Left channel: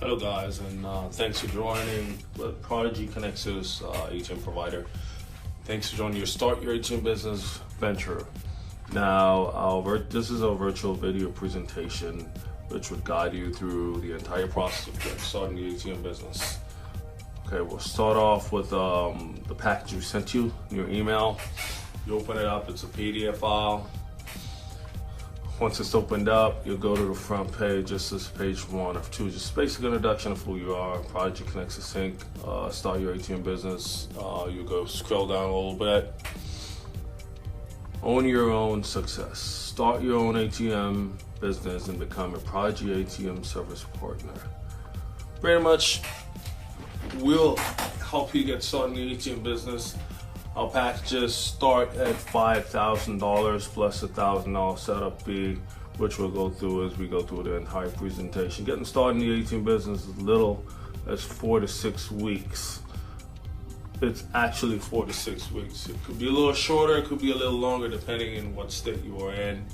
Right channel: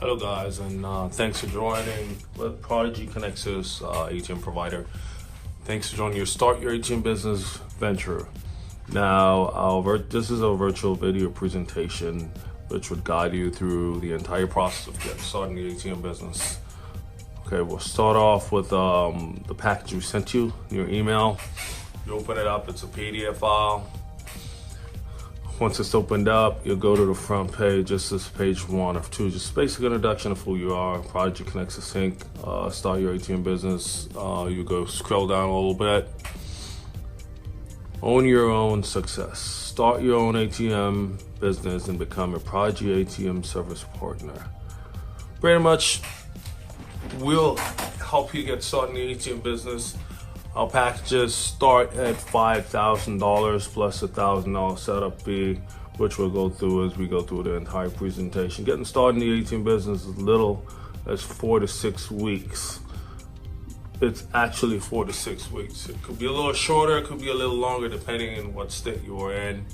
Hello guys, and thanks for joining Prodigy Connexus ATM provider. Thanks for joining Start Your ATM Business venture. Now, this is a virtual video presentation which would guide you through the entire process of getting started in the ATM business. Okay, we'll start off with the package we sent you, your email. You open it up, it's a PDF file. Once it's opened up, you'll go to the front page. This is page 1 of 2. Just basic introduction of who you are, Prodigy Connexus Inc., Start Your ATM Business. You go scroll down a little bit. Own your own success. Start your own ATM business and become a Prodigy ATM service partner. Pretty much, we'll help you get started in the ATM business. Our packages start at $5,000 plus a $1,000 setup fee, which we'll go through as we go through the entire presentation. Getting started in the ATM business is little as 4 to 6 weeks. It's actually 4 to 6 weeks. It could be a little shorter, it could be a little longer, depending on what state you are in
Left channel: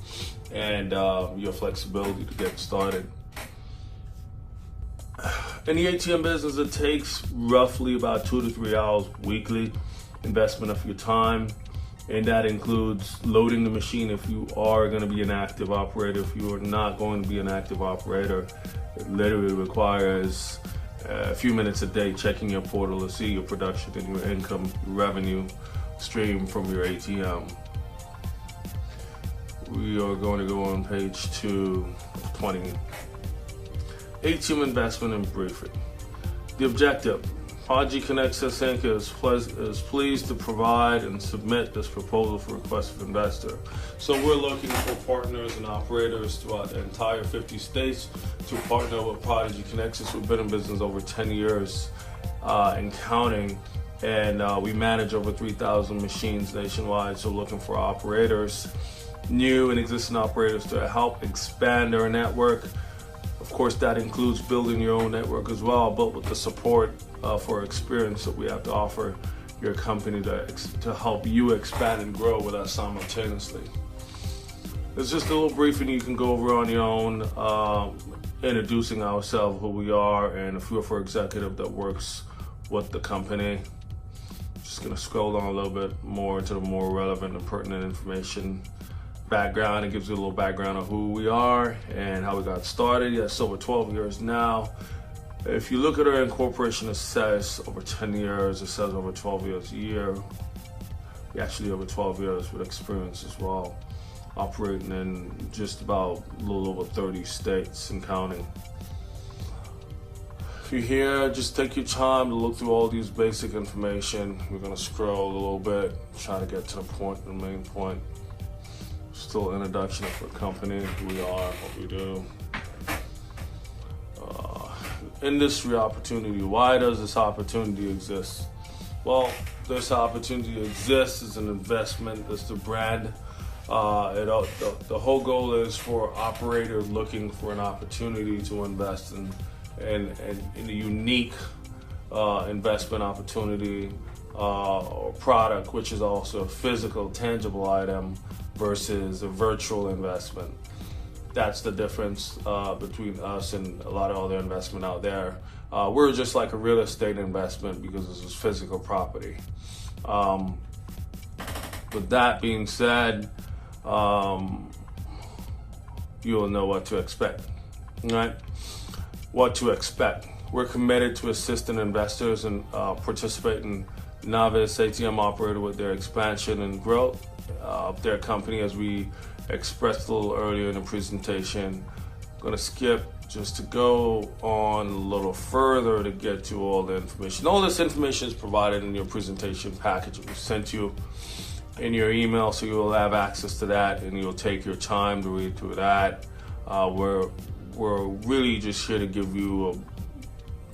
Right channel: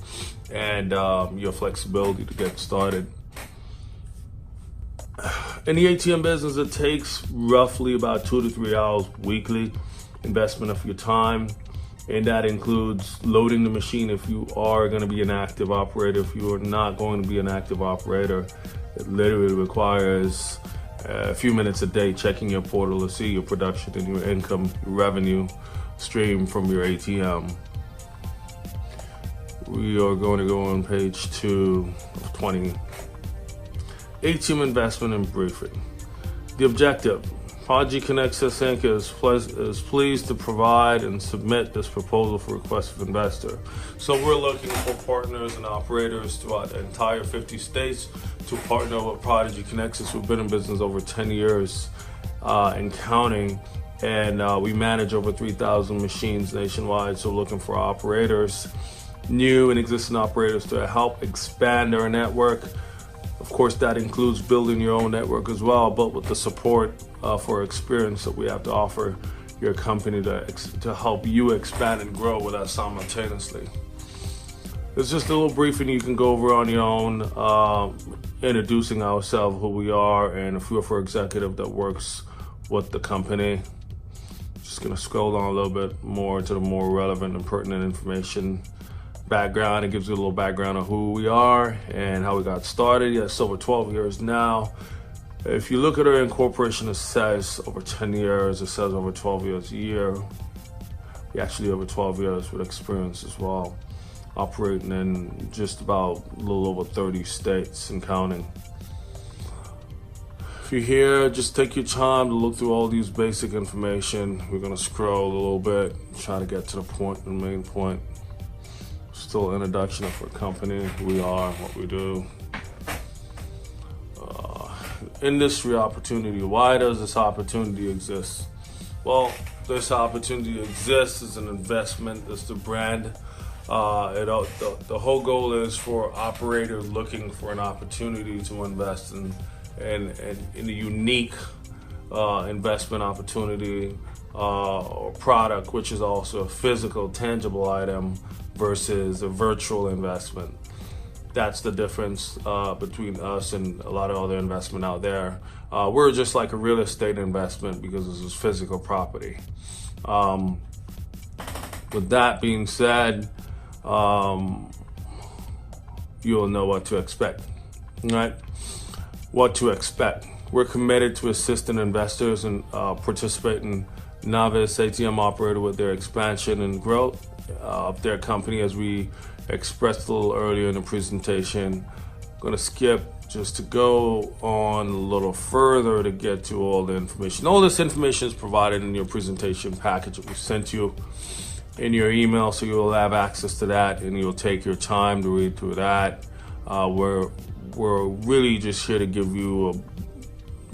and your flexibility to get started. In the ATM business, it takes roughly about 2 to 3 hours weekly investment of your time, and that includes loading the machine if you are going to be an active operator. If you are not going to be an active operator, it literally requires a few minutes a day checking your portal to see your production and your income, your revenue stream from your ATM. We are going to go on page 2 of 20. ATM investment and briefing. The objective. Prodigy Connexus Inc. is pleased to provide and submit this proposal for request of investor. So we're looking for partners and operators throughout the entire 50 states to partner with Prodigy Connexus. We've been in business over 10 years and counting, and we manage over 3,000 machines nationwide. So looking for operators, new and existing operators to help expand their network. Of course, that includes building your own network as well, but with the support for experience that we have to offer your company to help you expand and grow with us simultaneously. It's just a little briefing you can go over on your own, introducing ourselves, who we are, and if you're for executive that works with the company. Just gonna scroll down a little bit more into the more relevant and pertinent information. Background, it gives you a little background of who we are and how we got started. Yes, over 12 years now. If you look at our incorporation, it says over 10 years, it says over 12 years a year. We actually over 12 years with experience as well, operating in just about a little over 30 states and counting. If you're here, just take your time to look through all these basic information. We're gonna scroll a little bit, trying to get to the point, the main point. Still introduction for a company, who we are, what we do. Industry opportunity. Why does this opportunity exist? Well, this opportunity exists as an investment, as the brand. The whole goal is for operators looking for an opportunity to invest in a unique investment opportunity or product, which is also a physical, tangible item versus a virtual investment. That's the difference between us and a lot of other investment out there. We're just like a real estate investment because this is physical property. With that being said, you'll know what to expect, right? What to expect. We're committed to assisting investors and participating novice ATM operator with their expansion and growth of their company, as we expressed a little earlier in the presentation. I'm going to skip just to go on a little further to get to all the information. All this information is provided in your presentation package that we sent you in your email, so you'll have access to that and you'll take your time to read through that. We're really just here to give you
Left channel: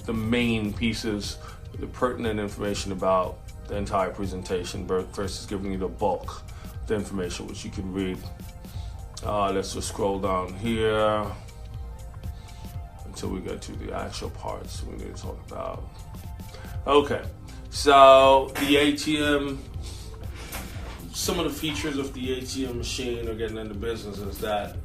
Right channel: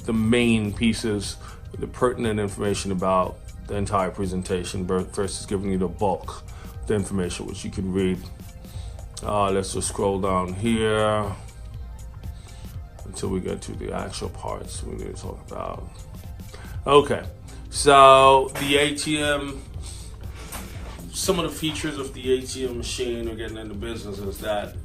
the main pieces, the pertinent information about the entire presentation versus giving you the bulk of the information which you can read. Let's just scroll down here until we get to the actual parts we need to talk about. Okay, so the ATM, some of the features of the ATM machine, or getting into business, is that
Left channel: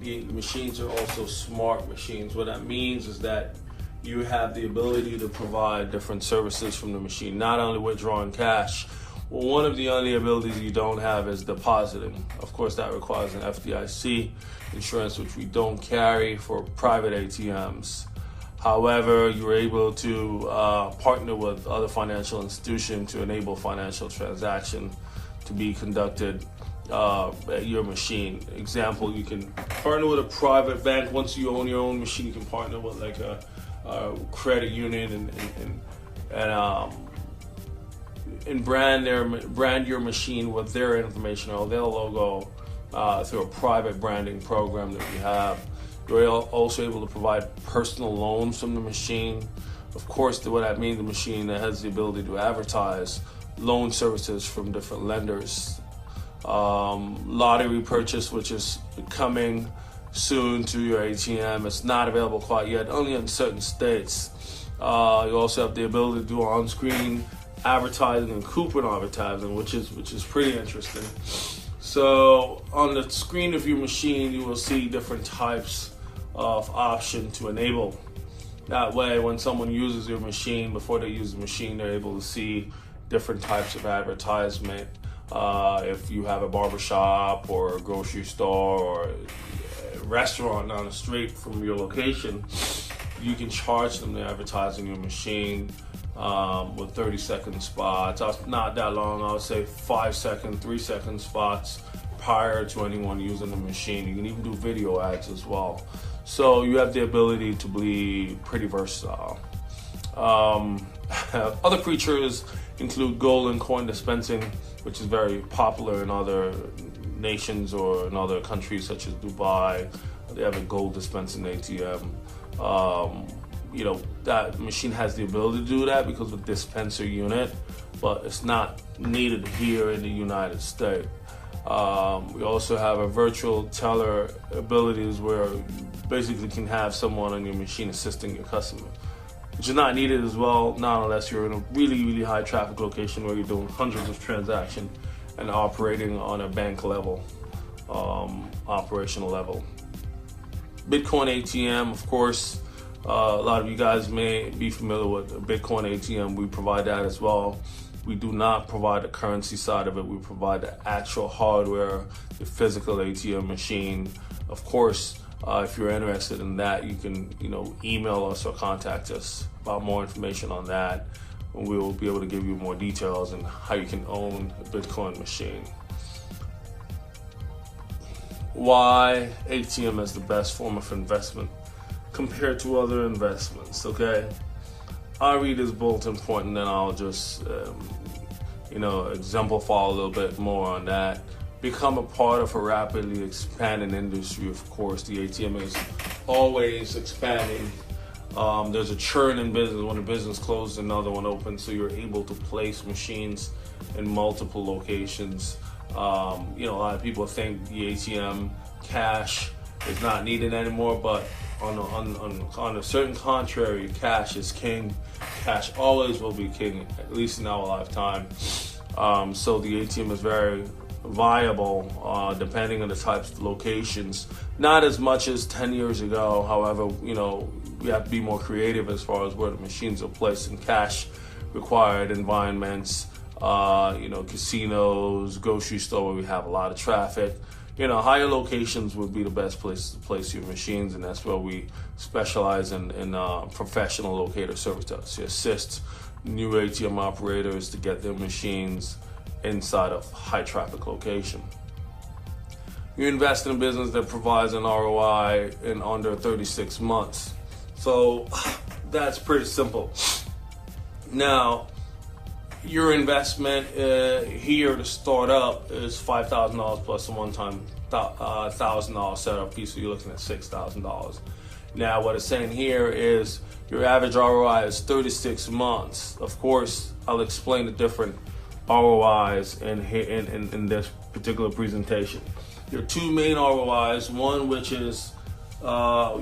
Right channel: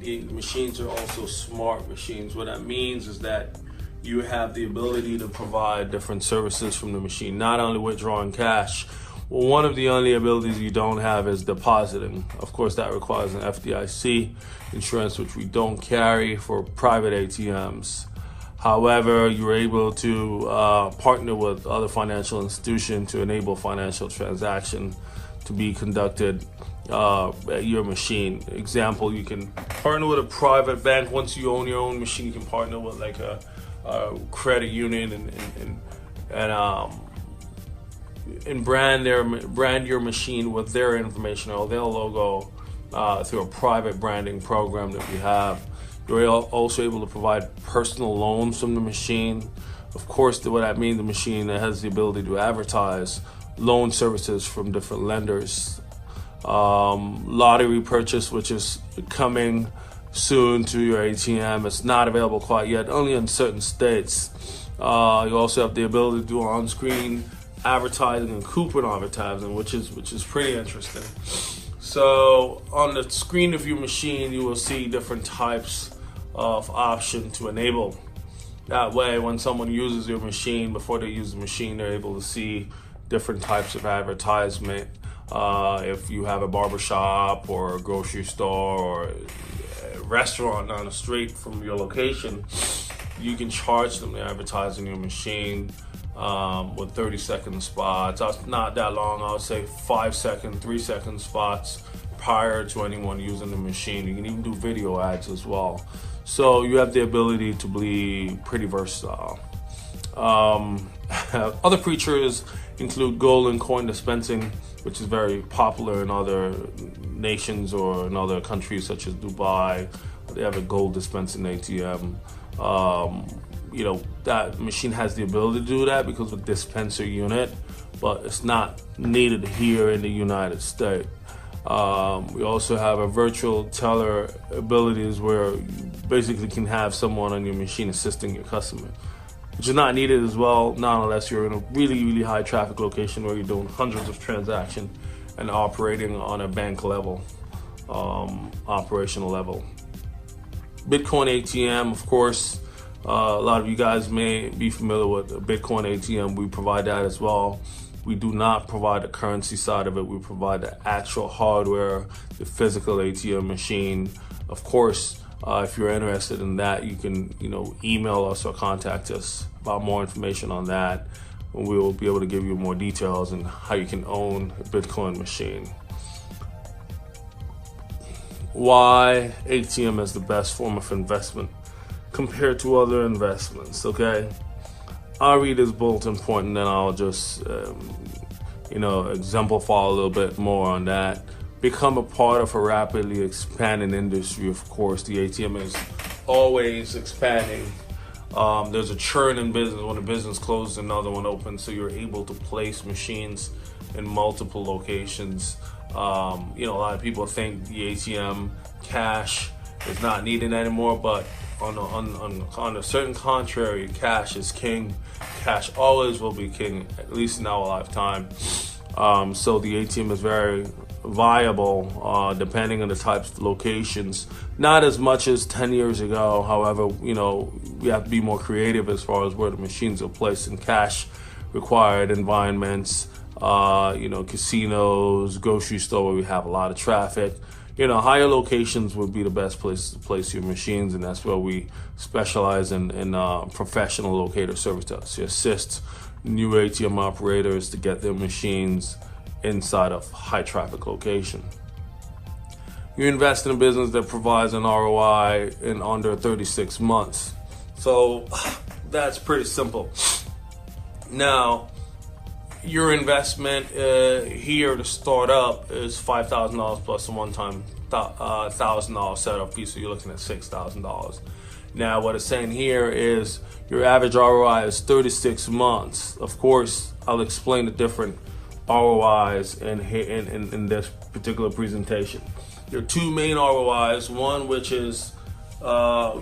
the machines are also smart machines. What that means is that you have the ability to provide different services from the machine, not only withdrawing cash. One of the only abilities you don't have is depositing. Of course, that requires an FDIC insurance, which we don't carry for private ATMs. However, you're able to partner with other financial institutions to enable financial transaction to be conducted at your machine. Example, you can partner with a private bank. Once you own your own machine, you can partner with like a credit union and brand your machine with their information or their logo through a private branding program that we have. You're also able to provide personal loans from the machine. Of course, what that means, the machine that has the ability to advertise loan services from different lenders. Lottery purchase, which is coming soon to your ATM. It's not available quite yet, only in certain states. You also have the ability to do on-screen advertising and coupon advertising, which is pretty interesting. So on the screen of your machine, you will see different types of options to enable. That way, when someone uses your machine, before they use the machine, they're able to see different types of advertisement. If you have a barbershop or a grocery store or a restaurant down the street from your location, you can charge them to advertise in your machine with 30-second spots. Not that long, I'll say 5-second, 3-second spots prior to anyone using the machine. You can even do video ads as well. So you have the ability to be pretty versatile. Other features include gold and coin dispensing, which is very popular in other nations or in other countries such as Dubai. They have a gold dispensing ATM. That machine has the ability to do that because of the dispenser unit, but it's not needed here in the United States. We also have a virtual teller abilities where you basically can have someone on your machine assisting your customer, which is not needed as well, not unless you're in a really, really high traffic location where you're doing hundreds of transactions and operating on a bank level, operational level. Bitcoin ATM, of course, a lot of you guys may be familiar with a Bitcoin ATM. We provide that as well. We do not provide the currency side of it. We provide the actual hardware, the physical ATM machine. Of course, if you're interested in that, you can, email us or contact us about more information on that. And we will be able to give you more details on how you can own a Bitcoin machine. Why ATM is the best form of investment compared to other investments, okay? I'll read this bulletin point and then I'll just, exemplify a little bit more on that. Become a part of a rapidly expanding industry. Of course, the ATM is always expanding. There's a churn in business. When a business closes, another one opens, so you're able to place machines in multiple locations. A lot of people think the ATM cash is not needed anymore, but on a certain contrary, cash is king. Cash always will be king, at least in our lifetime. So the ATM is very viable depending on the types of locations. Not as much as 10 years ago. However, we have to be more creative as far as where the machines are placed in cash required environments. Casinos, grocery store where we have a lot of traffic. Higher locations would be the best place to place your machines, and that's where we specialize in professional locator services to assist new ATM operators to get their machines inside of high traffic location. You invest in a business that provides an ROI in under 36 months. So that's pretty simple. Now, your investment here to start up is $5,000 plus a one-time $1,000 setup fee, so you're looking at $6,000. Now, what it's saying here is your average ROI is 36 months. Of course, I'll explain the different ROIs in this particular presentation. There are two main ROIs. One, which is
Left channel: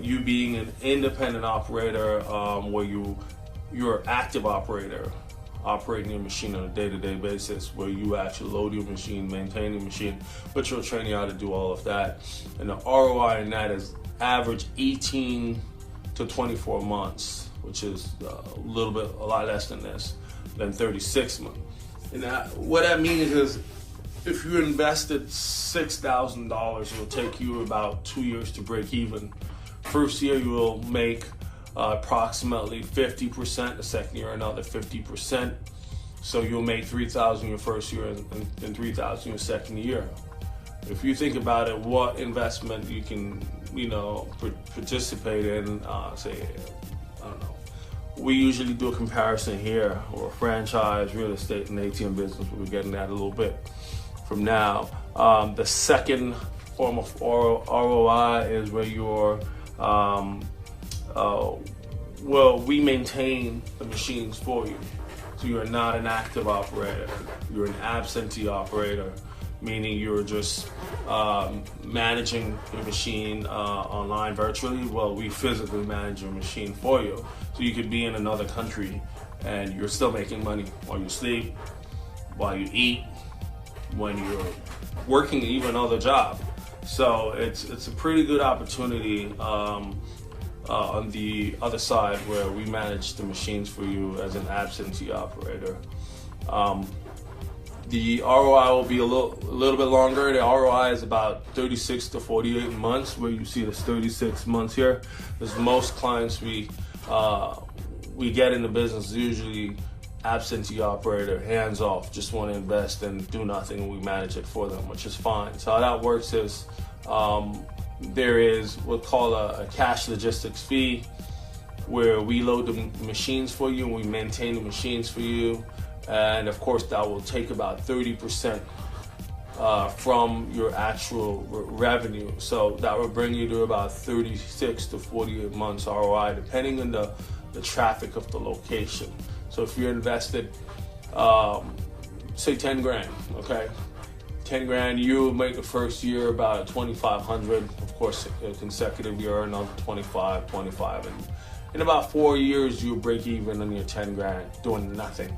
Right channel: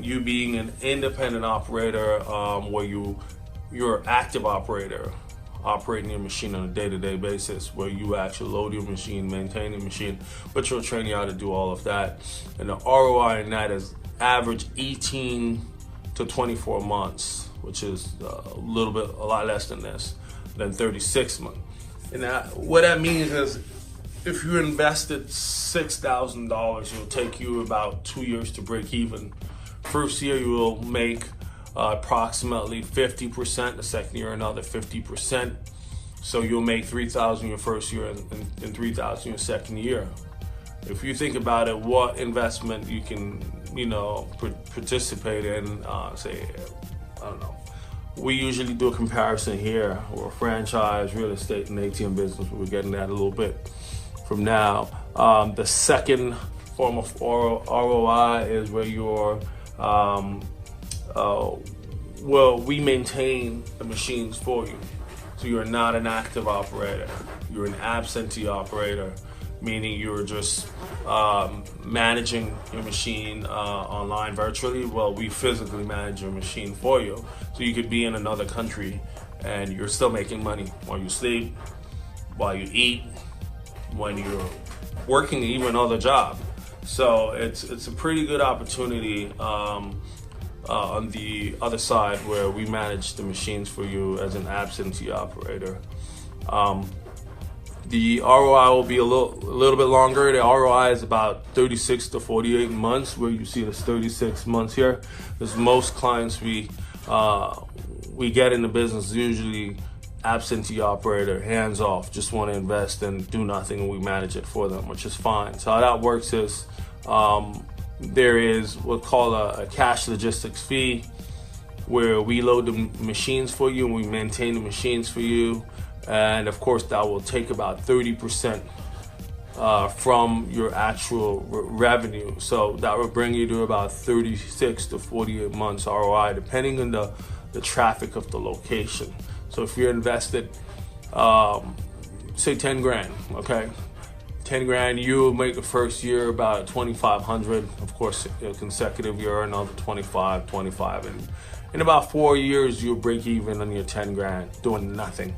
you being an independent operator, where you're active operator, operating your machine on a day-to-day basis, where you actually load your machine, maintain your machine, but you'll train you how to do all of that. And the ROI in that is average 18 to 24 months. which is a lot less than this, than 36 months. And what that means is, if you invested $6,000, it'll take you about 2 years to break even. First year, you will make approximately 50%. The second year, another 50%. So you'll make $3,000 your first year and $3,000 your second year. If you think about it, what investment you can, participate in, say, I don't know. We usually do a comparison here, or franchise, real estate, and ATM business. We're getting that a little bit from now. The second form of ROI is where you're, we maintain the machines for you. So you're not an active operator, you're an absentee operator, meaning you're just managing your machine online virtually. Well, we physically manage your machine for you. So you could be in another country and you're still making money while you sleep, while you eat, when you're working even another job. So it's a pretty good opportunity on the other side, where we manage the machines for you as an absentee operator. The ROI will be a little bit longer. The ROI is about 36 to 48 months, where you see this 36 months here. Because most clients we get in the business usually absentee operator, hands off, just want to invest and do nothing, and we manage it for them, which is fine. So how that works is there is what's called a cash logistics fee, where we load the machines for you and we maintain the machines for you. And of course, that will take about 30% from your actual revenue. So that will bring you to about 36 to 48 months ROI, depending on the traffic of the location. So if you're invested, say 10 grand, okay? 10 grand, you'll make the first year about 2,500. Of course, a consecutive year, another 25. And in about 4 years, you'll break even on your 10 grand, doing nothing,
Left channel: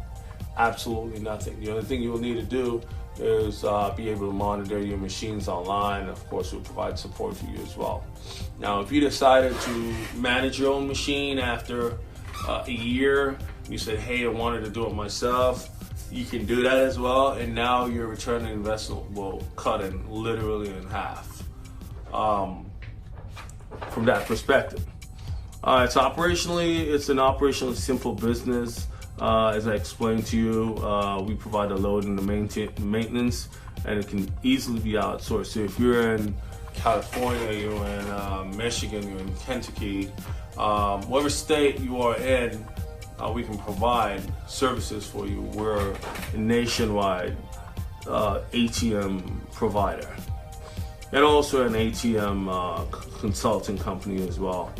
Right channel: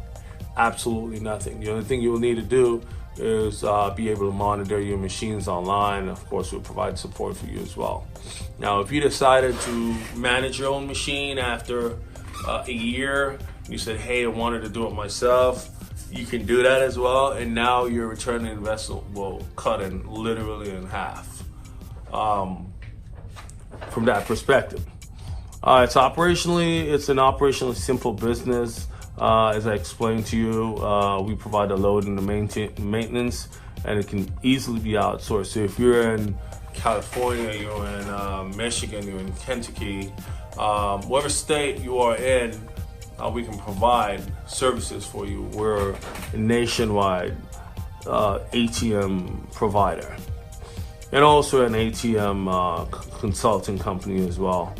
absolutely nothing. The only thing you'll need to do is be able to monitor your machines online. Of course, we'll provide support for you as well. Now, if you decided to manage your own machine after a year, you said, hey, I wanted to do it myself, you can do that as well. And now your return on investment will cut in literally in half from that perspective. It's an operationally simple business. As I explained to you, we provide the load and the maintenance, and it can easily be outsourced. So if you're in California, you're in Michigan, you're in Kentucky, whatever state you are in, we can provide services for you. We're a nationwide ATM provider, and also an ATM consulting company as well.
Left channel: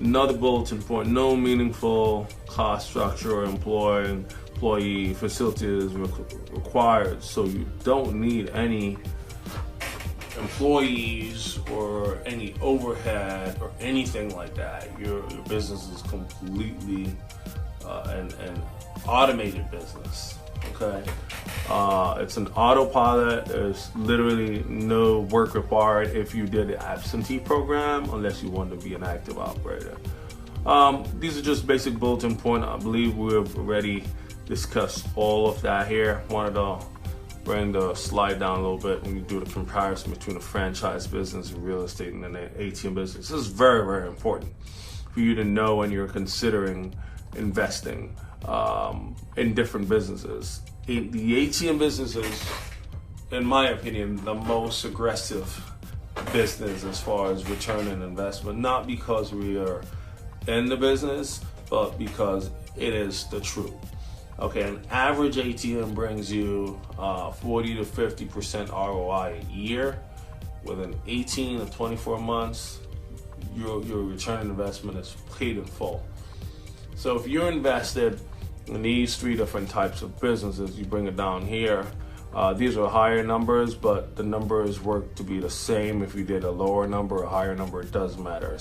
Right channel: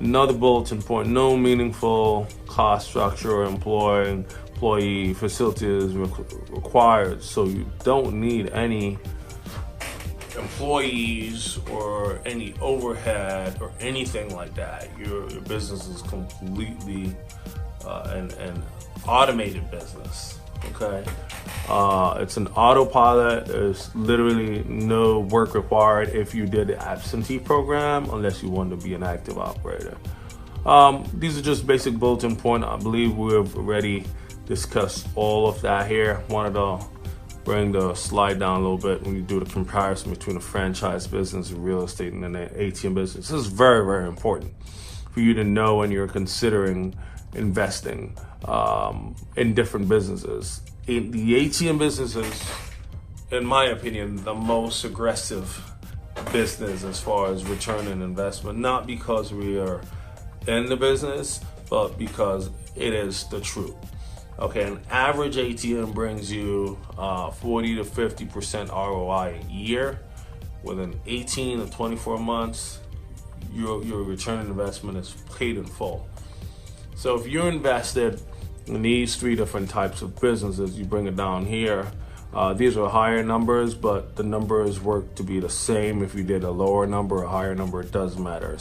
Another bulletin point: no meaningful cost structure or employee facilities required. So you don't need any employees or any overhead or anything like that. Your business is completely an automated business. Okay, it's an autopilot. There's literally no work required if you did the absentee program, unless you want to be an active operator. These are just basic bulletin points. I believe we've already discussed all of that here. Wanted to bring the slide down a little bit and do the comparison between the franchise business and real estate and the ATM business. This is very, very important for you to know when you're considering investing in different businesses. The ATM business is, in my opinion, the most aggressive business as far as return on investment, not because we are in the business, but because it is the truth. Okay, an average ATM brings you 40 to 50% ROI a year. Within 18 to 24 months, your return on investment is paid in full. So if you invested in these three different types of businesses, you bring it down here. These are higher numbers, but the numbers work to be the same. If you did a lower number or a higher number, it doesn't matter.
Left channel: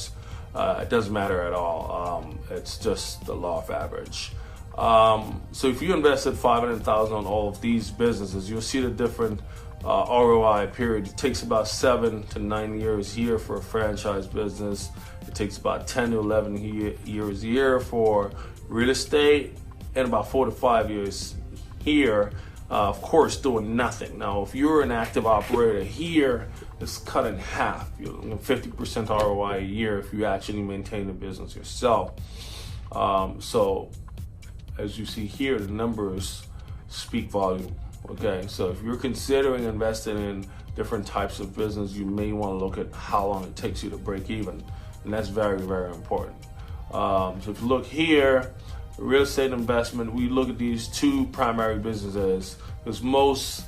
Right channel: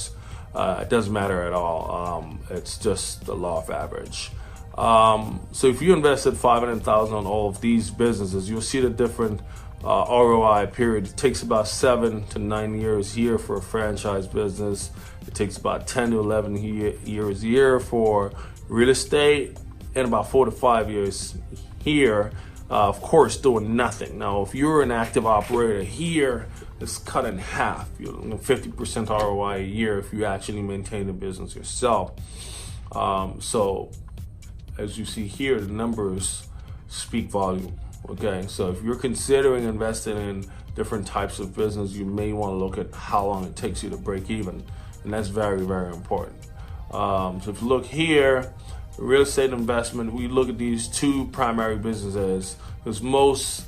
It doesn't matter at all. It's just the law of average. So if you invested $500,000 on all of these businesses, you'll see the different ROI period. It takes about 7 to 9 years here for a franchise business. It takes about 10 to 11 years a year for real estate, and about 4 to 5 years here, of course, doing nothing. Now, if you're an active operator here, it's cut in half. You're 50% ROI a year if you actually maintain the business yourself. So, as you see here, the numbers speak volume. Okay, so if you're considering investing in different types of business, you may want to look at how long it takes you to break even, and that's very, very important. So if you look here, real estate investment, we look at these two primary businesses because most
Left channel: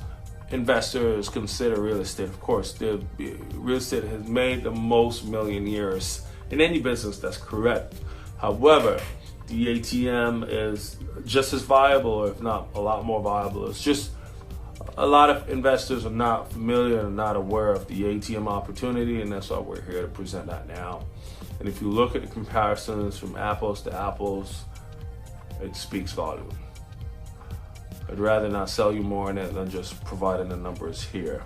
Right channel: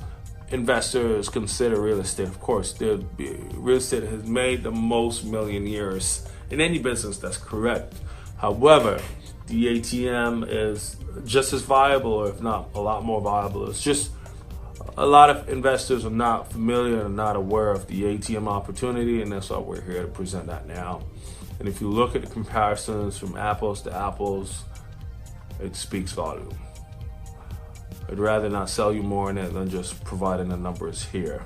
investors consider real estate. Of course, real estate has made the most millionaires in any business, that's correct. However, the ATM is just as viable, if not a lot more viable. It's just a lot of investors are not familiar and not aware of the ATM opportunity, and that's why we're here to present that now. And if you look at the comparisons from apples to apples, it speaks volume. I'd rather not sell you more in it than just providing the numbers here.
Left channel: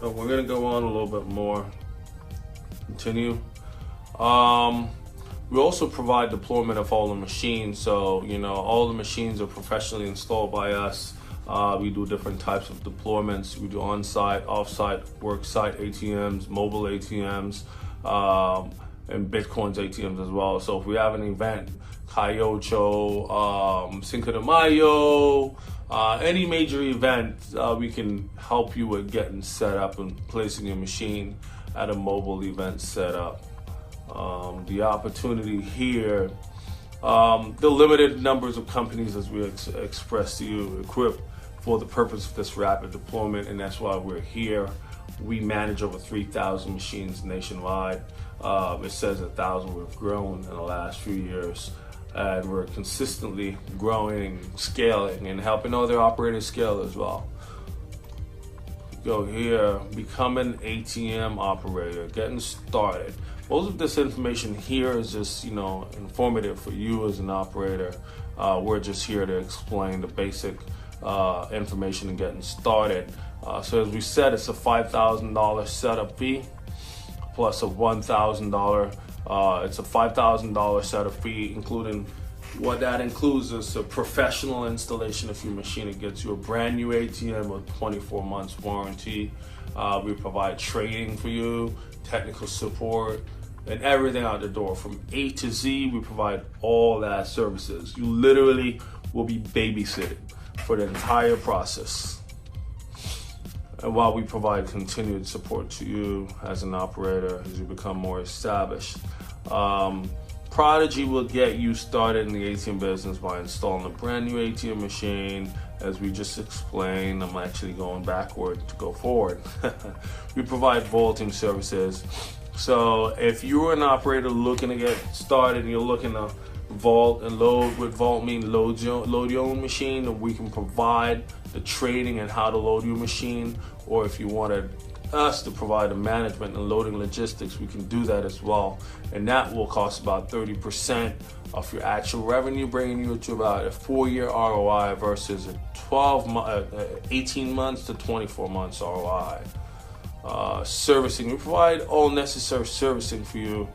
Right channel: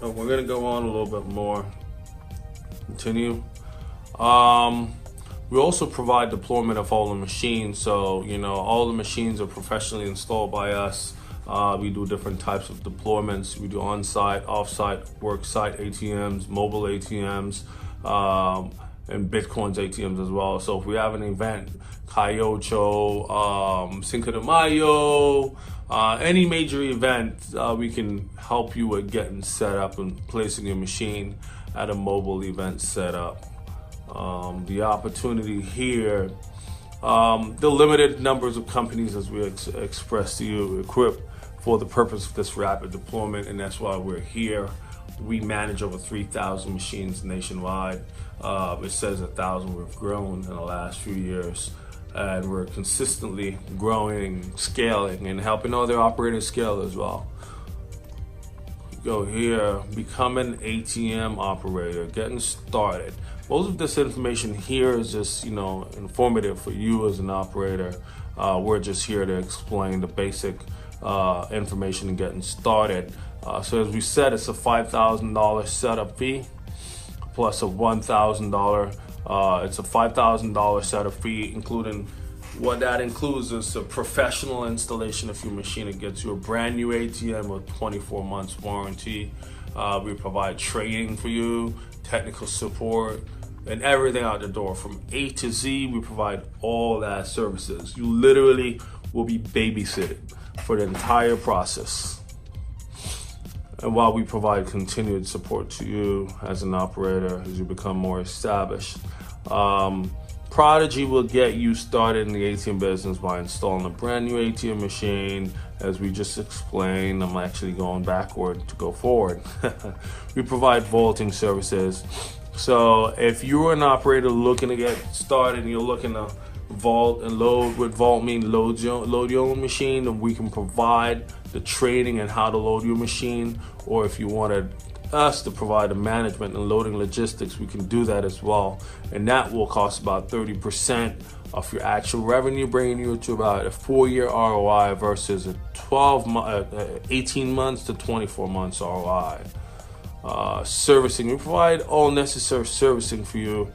So we're gonna go on a little bit more. Continue. We also provide deployment of all the machines. So, all the machines are professionally installed by us. We do different types of deployments. We do on-site, off-site, work-site ATMs, mobile ATMs, and Bitcoin's ATMs as well. So if we have an event, Cayocho, Cinco de Mayo, any major event, we can help you with getting set up and placing your machine at a mobile event setup. The opportunity here, the limited numbers of companies, as we expressed to you, equipped for the purpose of this rapid deployment, and that's why we're here. We manage over 3,000 machines nationwide. It says 1,000 we've grown in the last few years, and we're consistently growing, scaling, and helping other operators scale as well. Go here, become an ATM operator, getting started. Most of this information here is just, informative for you as an operator. We're just here to explain the basic information and getting started. So as we said, it's a $5,000 setup fee plus a $1,000. It's a $5,000 setup fee, including what that includes is a professional installation of your machine. It gets you a brand new ATM with 24 months warranty. We provide training for you, technical support, and everything out the door from A to Z. We provide all that services. You literally will be babysitted for the entire process. And while we provide continued support to you as an operator as you become more established, Prodigy will get you started in the ATM business by installing a brand new ATM machine. As we just explained, I'm actually going backward to go forward. We provide vaulting services. So if you're an operator looking to get started, you're looking to vault and load. With vault mean load your own machine, and we can provide the training and how to load your machine. Or if you wanted us to provide the management and loading logistics, we can do that as well. And that will cost about 30% of your actual revenue, bringing you to about a 4-year ROI versus a 18 months to 24 months ROI. Servicing, we provide all necessary servicing for you.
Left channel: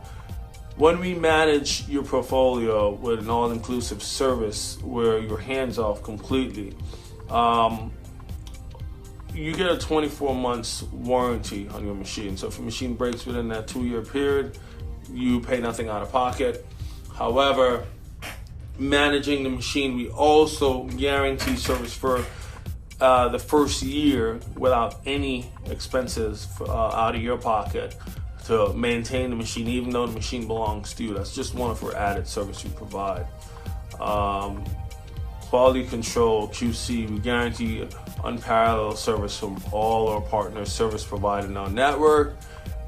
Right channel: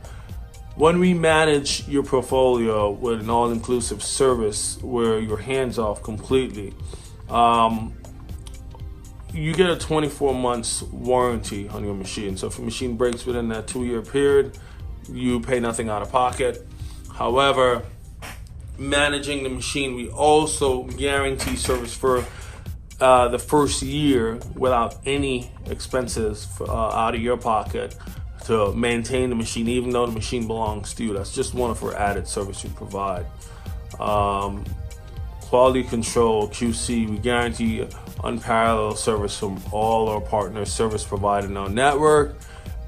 When we manage your portfolio with an all-inclusive service where you're hands off completely, you get a 24 months warranty on your machine. So if your machine breaks within that 2-year period, you pay nothing out of pocket. However, managing the machine, we also guarantee service for the first year without any expenses out of your pocket to maintain the machine, even though the machine belongs to you. That's just one for added service we provide. Quality control, QC, we guarantee unparalleled service from all our partners, service provided in our network,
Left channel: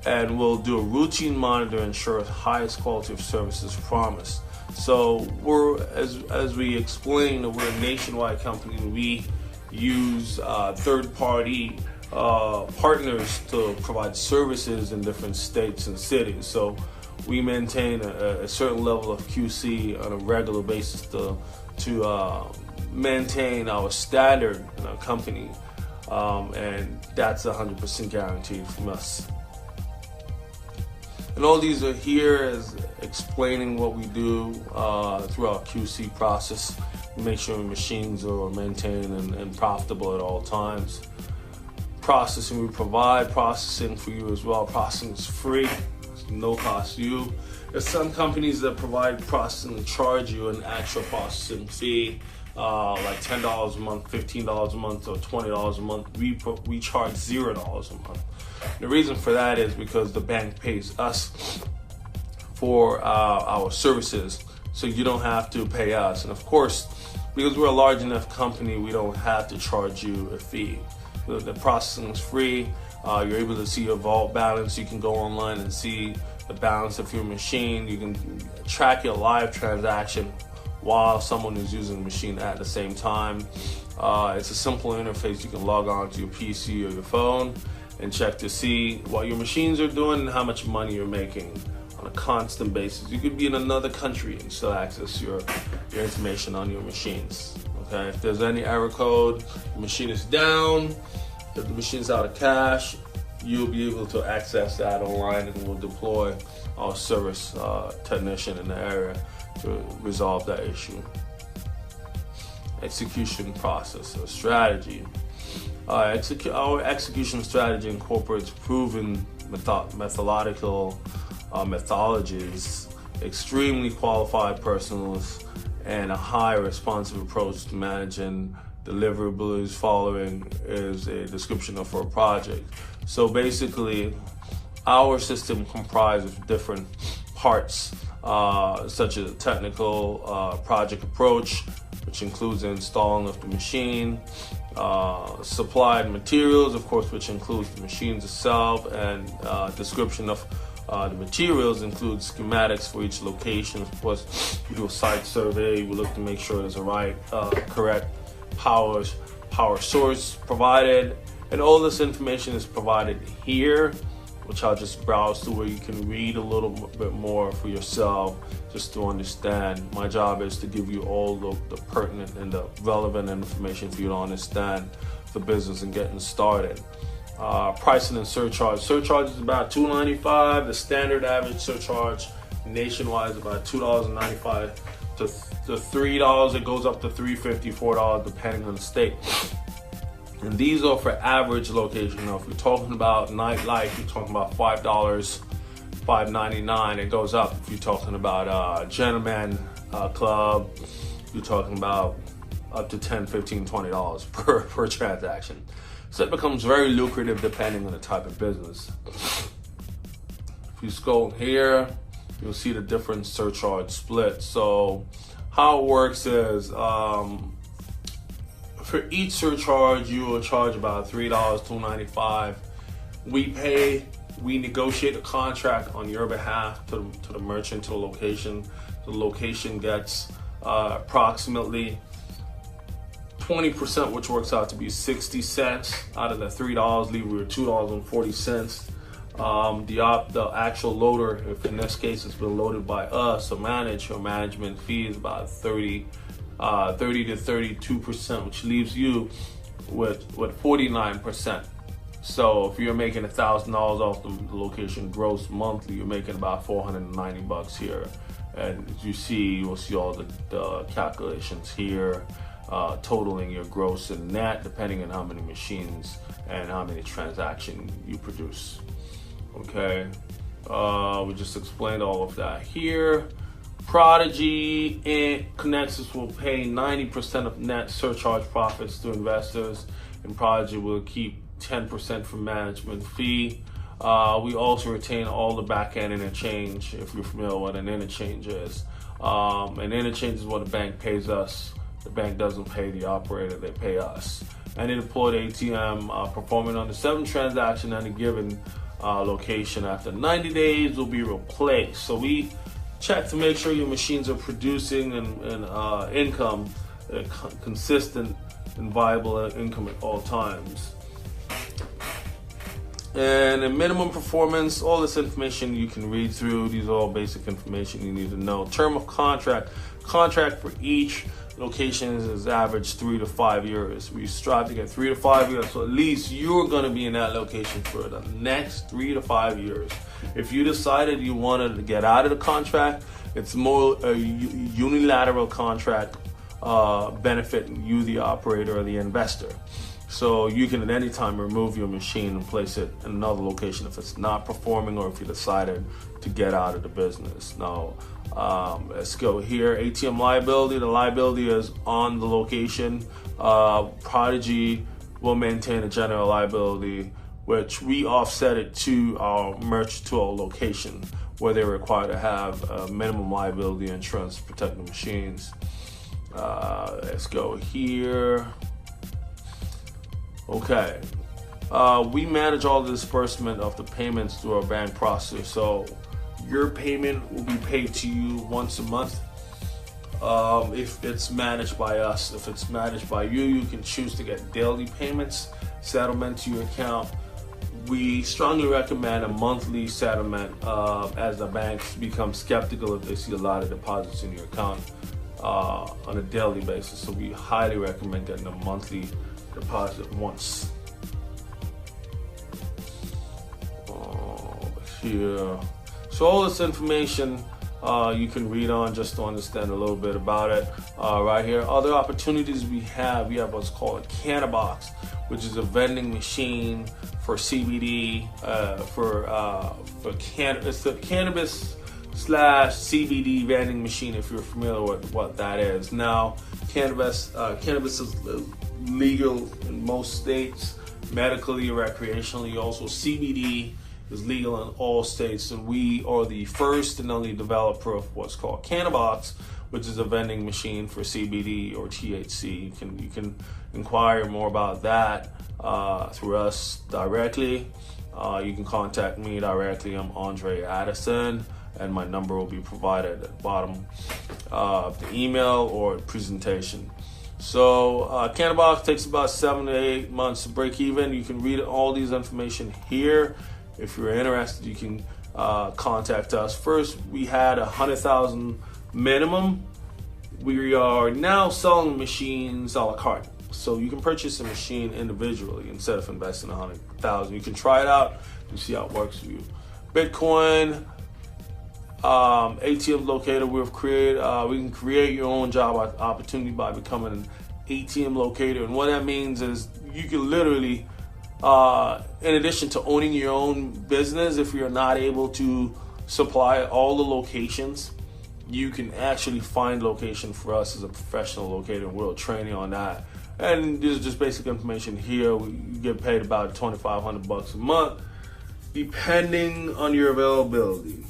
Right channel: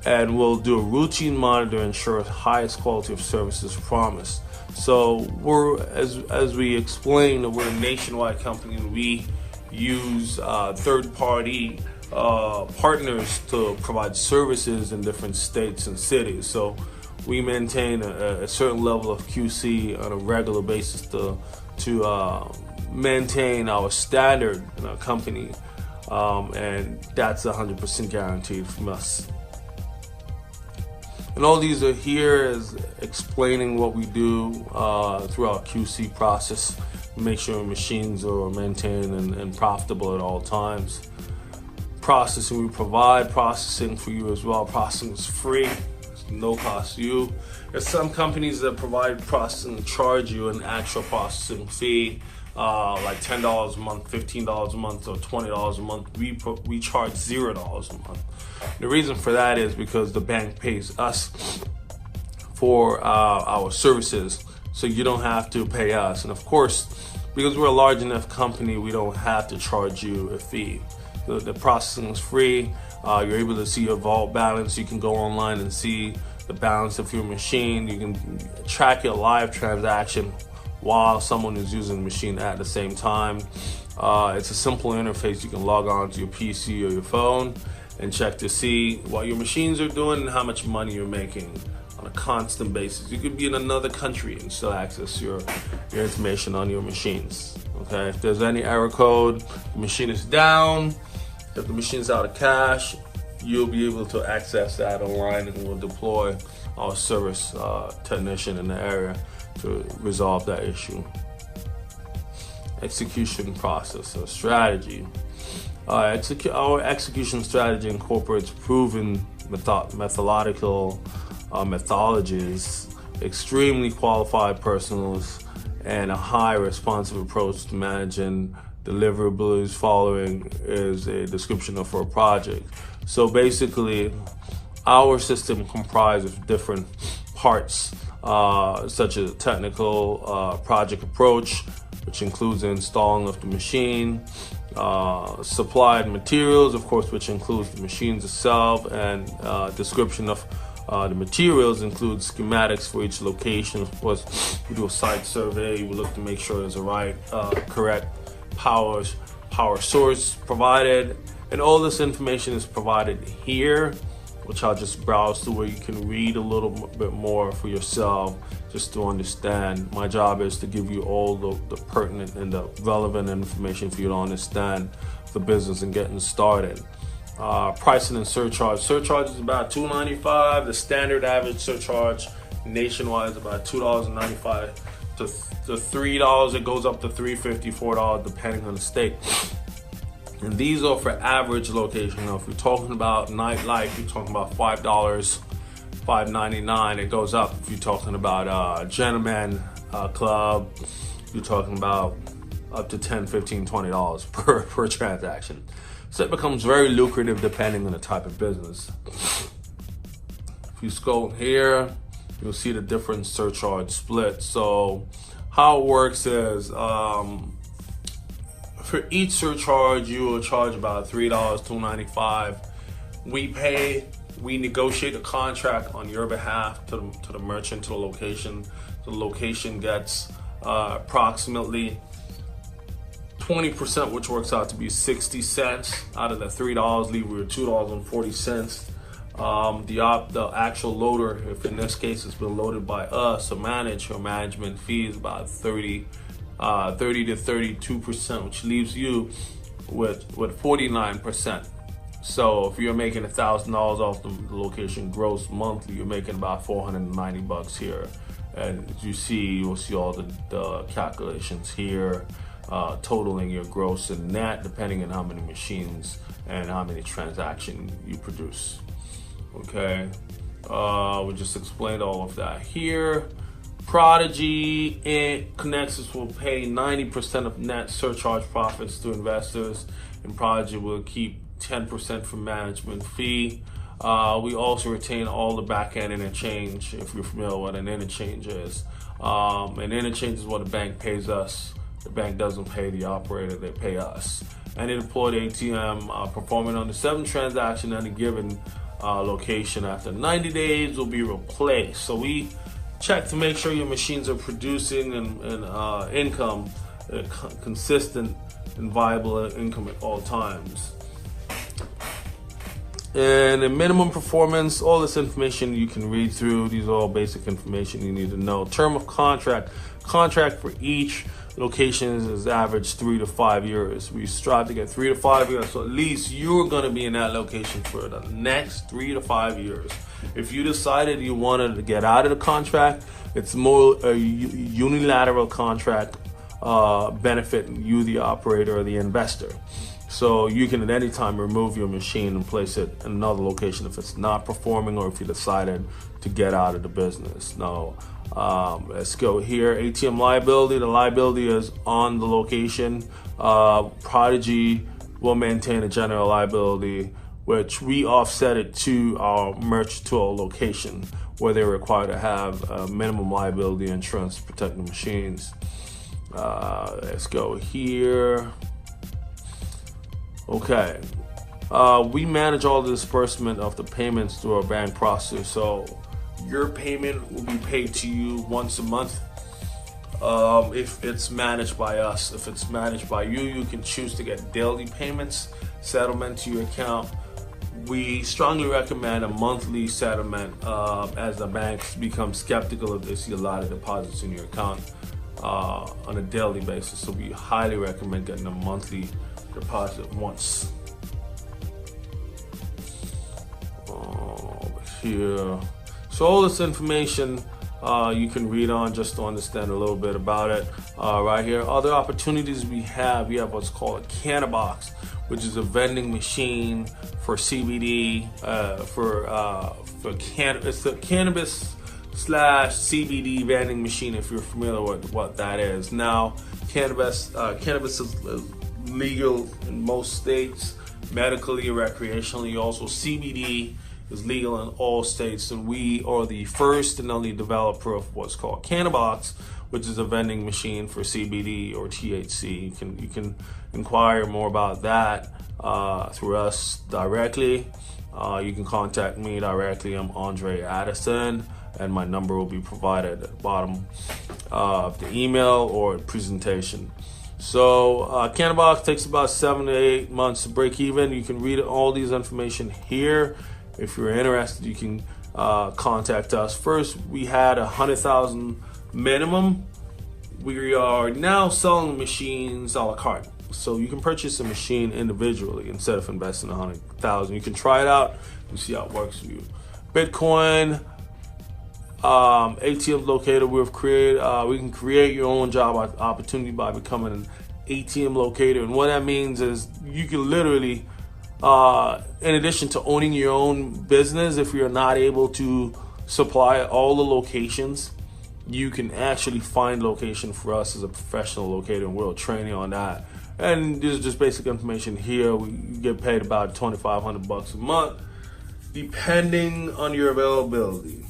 and we'll do a routine monitor to ensure the highest quality of service is promised. So we're, as we explained, we're a nationwide company. We use third-party partners to provide services in different states and cities. So we maintain a certain level of QC on a regular basis to maintain our standard company. and that's 100% guaranteed from us. And all these are here is explaining what we do through our QC process. Make sure machines are maintained and profitable at all times. Processing, we provide processing for you as well. Processing is free, it's no cost to you. There's some companies that provide processing and charge you an actual processing fee, like $10 a month, $15 a month, or $20 a month. We charge $0 a month. The reason for that is because the bank pays us for our services, so you don't have to pay us. And of course, because we're a large enough company, we don't have to charge you a fee. The processing is free. You're able to see your vault balance. You can go online and see the balance of your machine. You can track your live transaction while someone is using the machine at the same time. It's a simple interface. You can log on to your PC or your phone and check to see what your machines are doing and how much money you're making on a constant basis. You could be in another country and still access your information on your machines. Okay, if there's any error code, the machine is down, if the machine is out of cash, you'll be able to access that online, and we'll deploy our service technician in the area to resolve that issue. Execution process or strategy. Our execution strategy incorporates proven methodological methodologies, extremely qualified personnels, and a high responsive approach to managing deliverables. Following is a description of our project. So basically, our system comprises of different parts, such as technical project approach, which includes the installing of the machine, supplied materials, of course, which includes the machines itself, and description of the materials includes schematics for each location. Of course, we do a site survey. We look to make sure there's a correct power source provided, and all this information is provided here, which I'll just browse to where you can read a little bit more for yourself, just to understand. My job is to give you all the pertinent and the relevant information for you to understand the business and getting started. Pricing and surcharge. Surcharge is about $2.95. The standard average surcharge nationwide is about $2.95 to $3. It goes up to $3.50, $4 depending on the state. And these are for average location. Now, if you're talking about nightlife, you're talking about $5, $5.99. It goes up. If you're talking about a gentleman club, you're talking about up to $10, $15, $20 per transaction. So it becomes very lucrative depending on the type of business. If you scroll here, you'll see the different surcharge split. So how it works is, for each surcharge, you will charge about $3, $2.95. We negotiate a contract on your behalf to the merchant, to the location. The location gets approximately 20%, which works out to be 60 cents out of the $3, leaving you $2.40. The actual loader, if in this case it's been loaded by us or managed, your management fee is about 30 to 32%, which leaves you with 49%. So if you're making $1,000 off the location gross monthly, you're making about $490 here. And as you see, you'll see all the calculations here, totaling your gross and net, depending on how many machines and how many transactions you produce. Okay, we just explained all of that here. Prodigy and Connexus will pay 90% of net surcharge profits to investors, and Prodigy will keep 10% for management fee. We also retain all the back-end interchange, if you're familiar with what an interchange is. An interchange is what the bank pays us. The bank doesn't pay the operator, they pay us. An deployed ATM performing under 7 transactions at a given location after 90 days will be replaced. So we check to make sure your machines are producing and income, consistent and viable income at all times. And the minimum performance, all this information you can read through. These are all basic information you need to know. Term of contract for each location is average 3 to 5 years. We strive to get 3 to 5 years, so at least you're going to be in that location for the next 3 to 5 years. If you decided you wanted to get out of the contract, it's more a unilateral contract benefiting you, the operator, or the investor. So you can at any time remove your machine and place it in another location if it's not performing or if you decided to get out of the business. Now, let's go here. ATM liability. The liability is on the location. Prodigy will maintain a general liability, which we offset it to our location, where they're required to have a minimum liability insurance to protect the machines. Let's go here. Okay. We manage all the disbursement of the payments through our bank process. So your payment will be paid to you once a month. If it's managed by us, if it's managed by you, you can choose to get daily payments, settlement to your account. We strongly recommend a monthly settlement as the banks become skeptical if they see a lot of deposits in your account on a daily basis. So we highly recommend getting a monthly deposit once. Here. So all this information you can read on just to understand a little bit about it. Right here, other opportunities we have what's called a Cannabox, which is a vending machine for CBD, for cannabis. So cannabis / CBD vending machine, if you're familiar with what that is. Now, cannabis is legal in most states, medically, recreationally. Also, CBD is legal in all states, and we are the first and only developer of what's called Cannabox, which is a vending machine for CBD or THC. You can inquire more about that through us directly. You can contact me directly. I'm Andre Addison, and my number will be provided at the bottom of the email or presentation. So Cannabox takes about 7 to 8 months to break even. You can read all these information here. If you're interested, you can contact us. First, we had 100,000 minimum. We are now selling machines a la carte. So you can purchase a machine individually instead of investing 100,000. You can try it out and see how it works for you. Bitcoin, ATM locator. We can create your own job opportunity by becoming an ATM locator. And what that means is you can literally, in addition to owning your own business, if you're not able to supply all the locations, you can actually find location for us as a professional locator, and we'll train you on that. And this is just basic information here. We get paid about $2,500 a month, depending on your availability.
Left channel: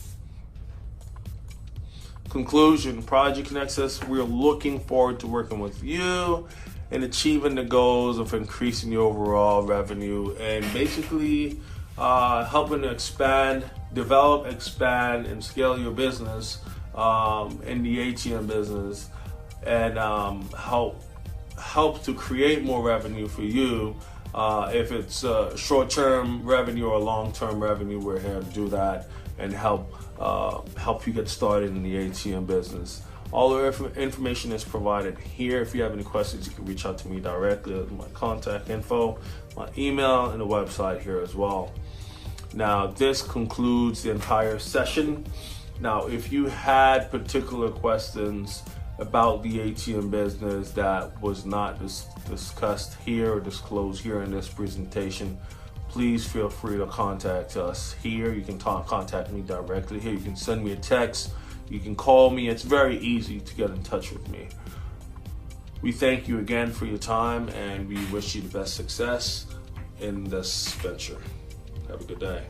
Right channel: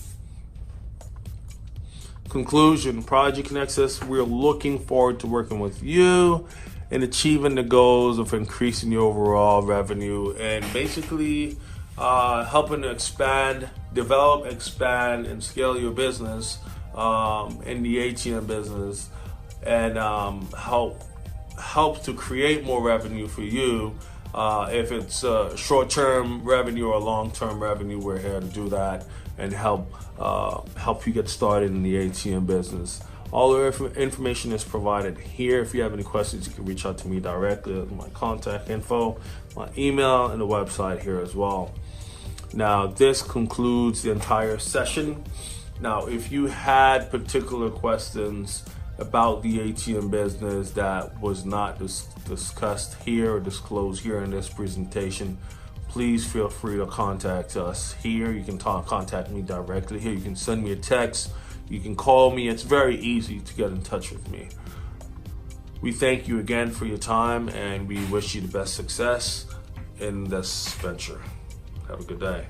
Conclusion, Prodigy Connects us. We're looking forward to working with you and achieving the goals of increasing your overall revenue and basically helping to develop, expand, and scale your business in the ATM business, and help to create more revenue for you. If it's short-term revenue or long-term revenue, we're here to do that and help you get started in the ATM business. All the information is provided here. If you have any questions, you can reach out to me directly. My contact info, my email, and the website here as well. Now, this concludes the entire session. Now, if you had particular questions about the ATM business that was not discussed here or disclosed here in this presentation, please feel free to contact us here. You can contact me directly here. You can send me a text. You can call me. It's very easy to get in touch with me. We thank you again for your time, and we wish you the best success in this venture. Have a good day.